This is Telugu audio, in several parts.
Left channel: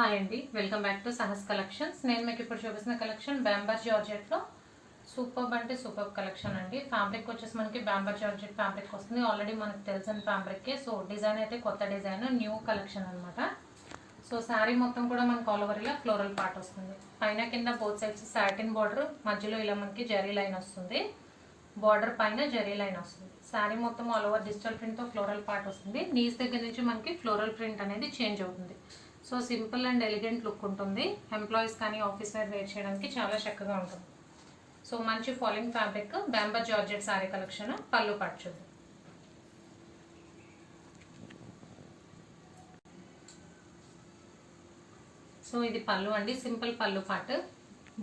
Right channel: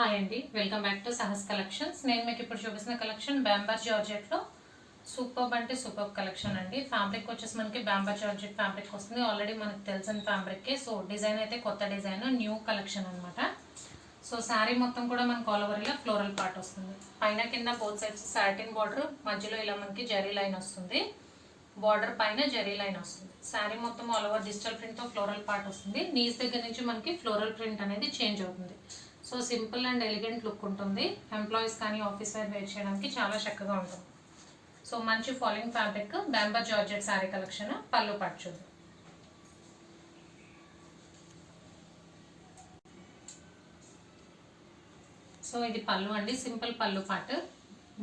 హాయ్ అండి, welcome back to Sahas collections. నేను మీకు ఇప్పుడు చూపిస్తున్న కలెక్షన్ బ్యాంబర్ జార్జెట్లో సూపర్బ్ అంటే సూపర్బ్ కలెక్షన్ అండి. ఫ్యాబ్రిక్ వచ్చేసి మనకి బ్యాంబర్ జార్జెట్ ఫ్యాబ్రిక్ వస్తుంది. ఆల్రెడీ మనకు తెలిసిన ఫ్యాబ్రిక్కే. సో డిజైన్ అయితే కొత్త డిజైన్, న్యూ కలెక్షన్ అనమాట. సో శారీ మొత్తం కూడా మనకు ఆల్ ఓవర్ ఇలా ఫ్లోరల్ పార్ట్ వస్తుంది. పైన కింద బోత్ సైడ్స్ సాటిన్ బార్డర్, మధ్యలో ఇలా మనకి జరీ లైన్ వస్తుంది. బార్డర్ పైన జరీ లైన్ వస్తుంది. శారీ మొత్తం ఆల్ ఓవర్ డిజిటల్ ప్రింట్తో ఫ్లోరల్ పార్ట్ వస్తుంది. నీస్ దగ్గర నుంచి మనకి ఫ్లోరల్ ప్రింట్ అనేది చేంజ్ అవుతుంది. So simple and elegant look ఉంటుంది. ఎంప్లాయీస్ కానీ ఆఫీస్ వేర్ వేర్ చేయడానికి చాలా చక్కగా ఉంటుంది. సో మంచి falling fabric Bamberg georgette sari collection. Pallu part చూద్దాం. సో ఇది పళ్ళు అండి, సింపుల్ పళ్ళు పార్ట్,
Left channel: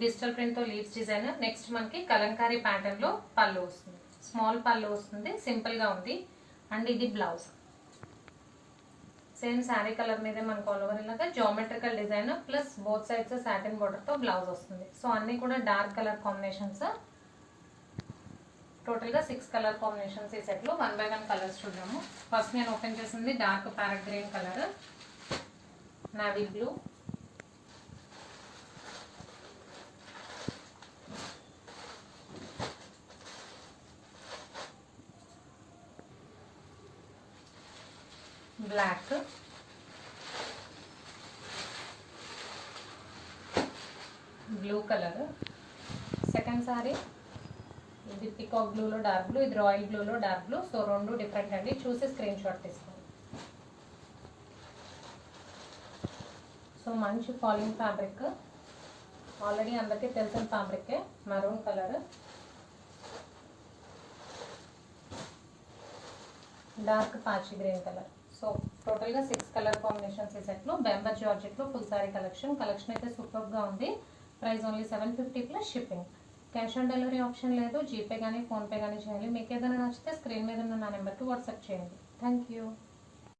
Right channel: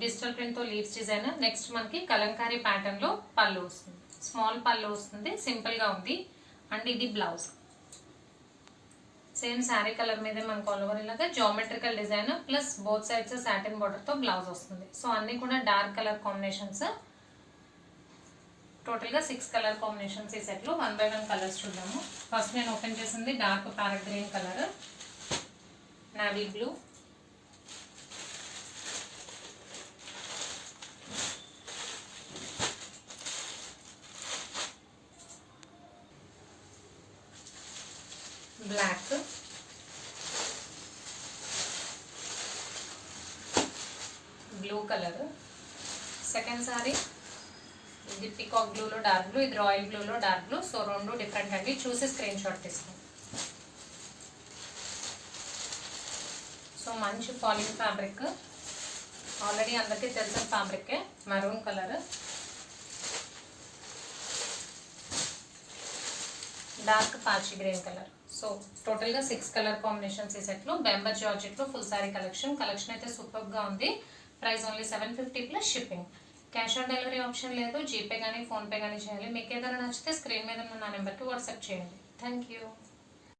డిజిటల్ ప్రింట్తో లీవ్స్ డిజైన్. నెక్స్ట్ మనకి కలంకారీ ప్యాటర్న్లో పళ్ళు వస్తుంది. స్మాల్ పళ్ళు వస్తుంది, సింపుల్గా ఉంది. అండ్ ఇది బ్లౌజ్ సేమ్ శారీ కలర్ మీదే మనకు ఆల్ ఓవర్ ఇలాగా geometrical design plus both sides satin బార్డర్తో బ్లౌజ్ వస్తుంది. సో అన్నీ కూడా డార్క్ కలర్ కాంబినేషన్స్. టోటల్గా 6 కలర్ కాంబినేషన్స్ ఈ సెట్లో. 1 by 1 కలర్స్ చూద్దాము. ఫస్ట్ నేను ఓపెన్ చేసింది dark parrot green colour, navy blue, black, blue colour. Second sari ఇది పికాక్ బ్లూలో డార్క్ బ్లూ, ఇది రాయల్ బ్లూలో డార్క్ బ్లూ. సో రెండు డిఫరెంట్ అండి, చూసి స్క్రీన్ షాట్ తీసుకోండి. సో మంచి ఫాలింగ్ ఫ్యాబ్రిక్, ఆల్రెడీ అందరికీ తెలిసిన ఫ్యాబ్రికే. మరూన్ కలర్, డార్క్ పాచి గ్రీన్ కలర్. సో టోటల్గా 6 కలర్ కాంబినేషన్స్ ఈ సెట్లో. బ్యాంబర్ జార్జెట్లో ఫుల్ సారీ కలెక్షన్ అయితే సూపర్గా ఉంది. Price only 750 plus shipping. Cash on delivery option లేదు. జీపే కానీ ఫోన్పే కానీ చేయాలి. మీకు ఏదైనా నచ్చితే స్క్రీన్ మీద ఉన్న నా నెంబర్కి వాట్సాప్ చేయండి. Thank you.